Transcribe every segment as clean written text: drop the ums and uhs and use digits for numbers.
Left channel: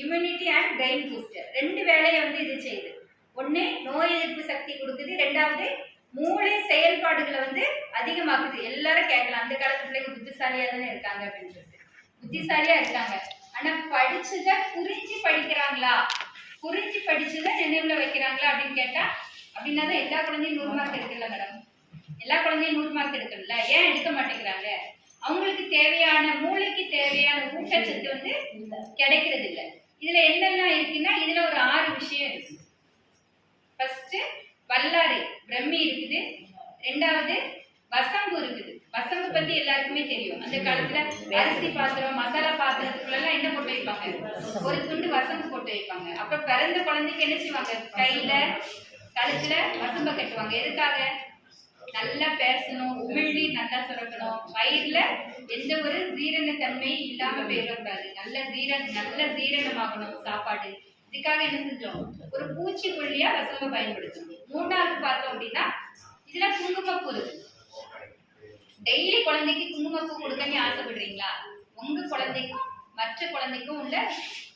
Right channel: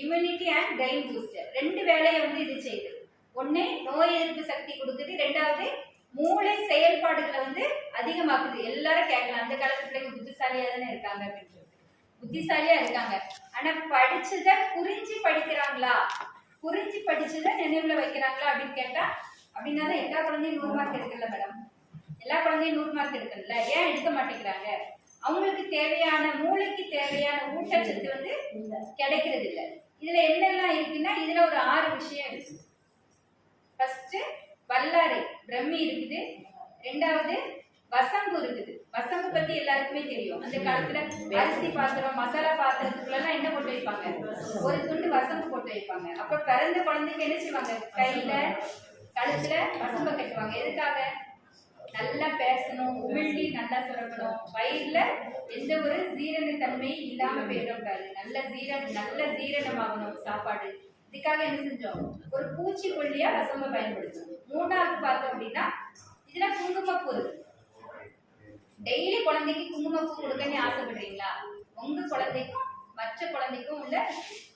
Immunity and brain booster. 2 வேலையை வந்து இது செய்யுது. ஒன்று நோய் எதிர்ப்பு சக்தி கொடுக்குது, 2வது மூளை செயல்பாடுகளை வந்து அதிகமாக்குது. எல்லாரும் கேட்கலாம், அந்த காலத்து பிள்ளைங்க புத்திசாலியா தானே இருக்காங்க அப்படின்னு சொல்லிட்டு. புத்திசாலியா இருக்காங்க, ஆனா படிச்சதை புரிஞ்சு படிக்கிறாங்களா, புரிஞ்சு படிச்சதை நினைவுல வைக்கிறாங்களா அப்படின்னு கேட்டா, அப்படின்னா தான் எல்லா குழந்தையும் 100 மார்க் எடுக்கல மேடம். எல்லா குழந்தையும் 100 மார்க் எடுக்கல. ஏன் எடுக்க மாட்டேங்கிறாங்க? அவங்களுக்கு தேவையான மூளைக்கு தேவையான ஊட்டச்சத்து வந்து கிடைக்கிறது இல்லை. இதுல என்னெல்லாம் இருக்குன்னா, இதுல ஒரு 6 விஷயம் இருக்கு. ஃபர்ஸ்ட் வல்லாரை பிரம்மி இருக்குது, 2வது வசம்பு இருக்குது. வசம்பு பத்தி எல்லாருக்குமே தெரியும். அந்த காலத்துல அரிசி பாத்திரம் மசாலா பாத்திரத்துக்குள்ள எல்லாம் என்ன போட்டு வைப்பாங்க? ஒரு துண்டு வசம்பு போட்டு வைப்பாங்க. அப்புறம் பிறந்த குழந்தைக்கு என்ன செய்வாங்க? கையில கழுத்துல வசம்பை கட்டுவாங்க. எதுக்காக? நல்லா பேசணும், உமிழ்நீ நல்லா சுரக்கணும், வயிறுல எந்த ஒரு ஜீரணத்தன்மை இல்லாம போயிடக்கூடாது, நல்ல ஜீரணமாகணும் சாப்பாடு. இதுக்காக என்ன செஞ்சோம்? ஒரு பூச்சிக்கொல்லியா வசம்ப பயன்படுத்தணும். 3வது பார்த்தோம் அப்படின்னா, இதுல குங்குமப்பூ இருக்கு. டெய்லி குழந்தைக்கு குங்குமப்பூ கொடுக்கன்னு ஆசைப்படுறீங்களா? உங்க குழந்தைக்கும் மற்ற குழந்தைக்கும் உள்ள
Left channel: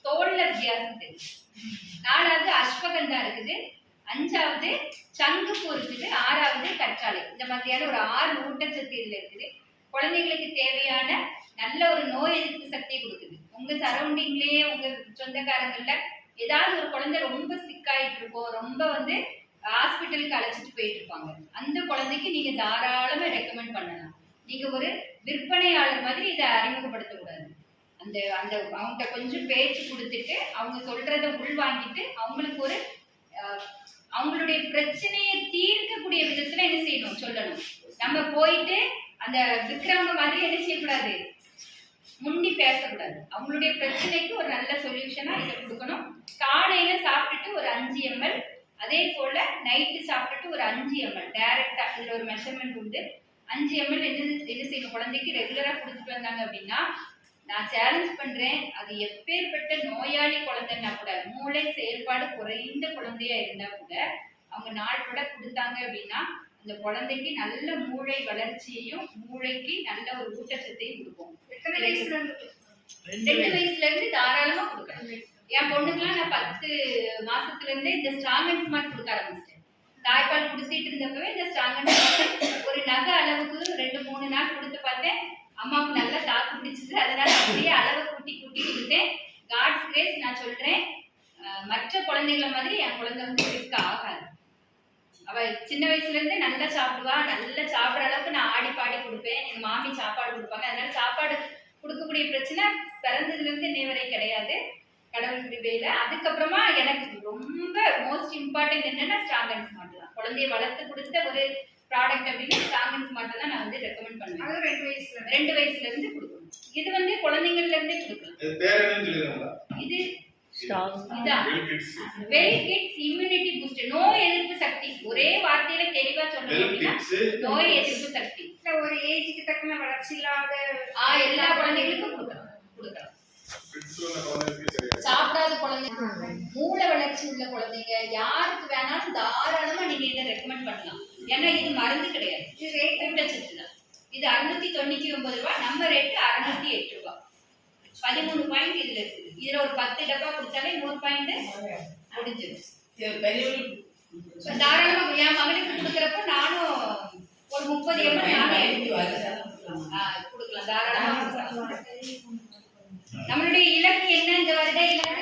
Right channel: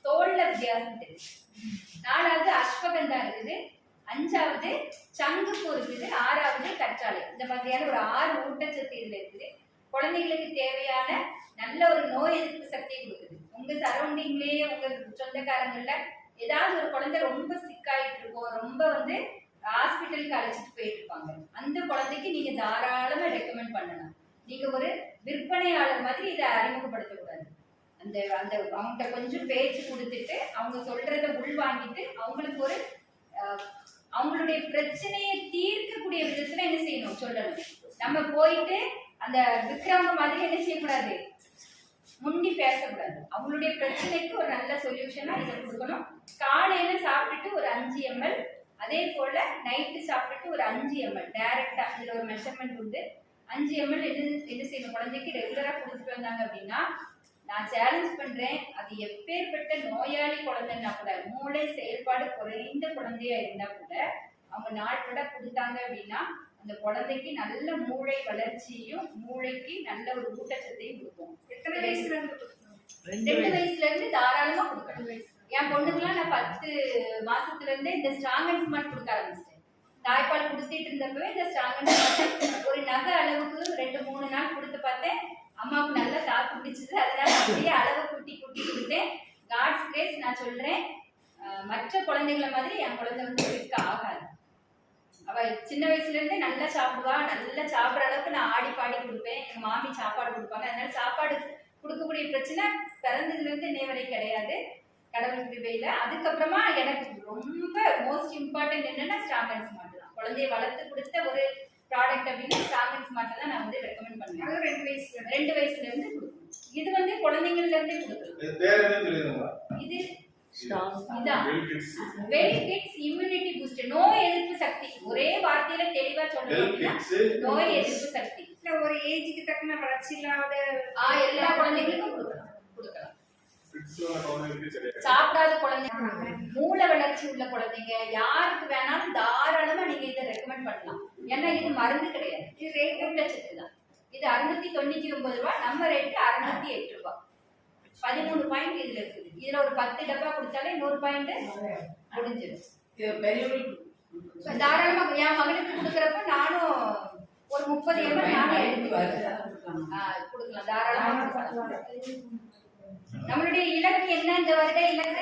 தோல்ல வித்தியாசம் தெரியும். 4வது அஸ்வகந்தா இருக்குது, 5வது சங்குப்பூ இருக்குது, 6வது கற்றாழை. இந்த மாதிரியான ஒரு 6 ஊட்டச்சத்து இதுல இருக்குது. குழந்தைகளுக்கு தேவையான நல்ல ஒரு நோய் எதிர்ப்பு சக்தியை கொடுக்குது. உங்க சரௌண்டிங்லயே உங்க சொந்தக்காரங்கள்ல ஏதாவது ஒரு குழந்தை ரொம்ப சிக்காயிட்டு இருக்கும், ரொம்ப வந்து ஹாஸ்பிட்டலுக்கு அழைச்சிட்டு போயிட்டு இருப்பாங்க. அந்த குழந்தைக்கு நீங்க தாராளமா ரெக்கமெண்ட் பண்ணலாம். நீங்க ஒரு விற்பனையாளர் மாதிரி இதை அறிமுகப்படுத்தக்கூடாது. அந்த அந்த அவங்ககிட்ட கொஞ்சம் பேச்சு கொடுத்துட்டு அவங்க சொல்றதை உள்வாங்கிட்டு அவங்களுக்கு ஒரு அவங்களுடைய பிரச்சனையை தீர்க்கக்கூடிய விதத்துல என்ன செய்யணும் சொல்லணும். நம்ம போயிட்டு அந்த விக்ரமங்க மாதிரி என்ன செய்யக்கூடாது, முண்டி பேசக்கூடாது. அவங்களுடைய பிரச்சனைக்கு ஒரு நல்ல சொல்யூஷனா இதை கொடுக்கணும். காலையில சாப்பிட்டுட்டு ஒரு 5 ml, அதே போல நைட்டு சாப்பிட்டுட்டு ஒரு 5 ml டைரக்டா. இதுல ஒரு மெஷர்மெண்ட் உண்டு. 5 ml என்ன செய்யணும்? குழந்தைக்கு ரெகுலரா கொடுத்துட்டு வந்தாங்க அப்படின்னா, நான் சேலஞ்ச் பண்றேன், அது எப்பேற்பட்ட நோயாளி குழந்தைன்னா கூட, மூளை செயல்பாடு குறைந்த குழந்தையா இருந்தா கூட அவங்க நாளோட கொடுத்தாங்க அப்படின்னா அந்த குழந்தைக்கு நல்ல மூளை வளர்ச்சியையும் மூளைக்கு நல்ல ஒரு ஊட்டச்சத்தையும் கொடுக்கும். 2 வயசுல இருந்து தாராளமா கொடுக்கணும். என் பொண்ணுக்குலாம் நான் 10 மாசத்துல இருந்தே இந்த ஸ்ட்ராங் அண்ட் ஸ்மார்ட் கொடுக்க ஆரம்பிச்சிட்டேன். தாய்ப்பால் குடிச்சிட்டு இருந்தப்பவே இந்த ஸ்ட்ராங் அண்ட் ஸ்மார்ட் ஒரு நகை அளவுக்கு 2-3 நாள் கொடுத்து பார்த்தேன். அம்மாவுக்கு நல்லா தாக்கு பிடிச்சது. அதனால அப்படியே அளவை கூட்டி கொடுத்தேன். காட்ஸ் கிரேஸ் நான் சொல்றேன், மற்ற குழந்தைகளை மாதிரி என் குழந்தை வந்து இருக்க ஆகாது. அவ சின்ன வயசுல இருந்தே நல்லா சாப்பிடுவா. நல்லா சாப்பிட்ற அளவுக்கு நான் ஆடி பாடி கொடுப்பேன். எங்க மாமி சாப்பாடு கொடுப்பாங்க. அதனால சாப்பாடு கொடுக்கக்கூடிய பிரச்சனை பிறந்ததுல இருந்து இன்னை வரை கிடையாது, கடவுள் கிருபையில. அதுக்கப்புறமா எனக்கு ரொம்ப மோஸ்ட் இம்பார்ட்டன்ட் என்னன்னா ஸ்ட்ராங் அண்ட் ஸ்மார்ட் தான். குழந்தைய வளர்த்து கொடுத்த ஒரு ப்ராடக்ட் அப்படின்னு ஸ்ட்ராங் அண்ட் ஸ்மார்ட் தான் நான் வந்து ரெக்கமெண்ட் பண்ணுவேன். அது 2 வயசுல இருந்து கொடுக்கணும். இது வந்து குழந்தைங்கள்ல இருந்தே கொடுக்கலாம். இது வெல் கிட்ஸ் இம்யூனிட்டி பூஸ்டர், நோய் எதிர்ப்பு சக்தி. ஒரே வார்த்தையில தெளிவா சொல்லணும் அப்படின்னா நோய் எதிர்ப்பு சக்தி. ஒரு ஏஜுக்கு தக்கன வளர்ச்சி இல்லாத எல்லா குழந்தைகளுக்கும் கொடுக்கலாம். சாப்பிடாத குழந்தைங்க, மூளை வளர்ச்சி உள்ள குழந்தைங்க, யாருக்கு வேணாலும் தாராளமா நீங்க இதை ரெக்கமெண்ட் பண்ணலாம். ஏன்னா இது மருந்து கிடையாது, இது ரேட் ஊட்டச்சத்து தான். இது 699 ரூபாய், நம்ம ரேட்டு 608 ரூபாய். 13 பாயிண்ட் இதுல இருக்குது. இதுல ஒரு 10 டப்பா குடிச்சாலே 100 பாயிண்ட் முடிஞ்சிடும். தாராளமா என் மகனுக்கு கொடுக்கறப்ப நானும் ஒரு 30 ml நானே எடுத்து கொடுக்கலாம். தாராளமா நம்மளுடைய இலக்கு என்ன? இந்த வருட இலக்கு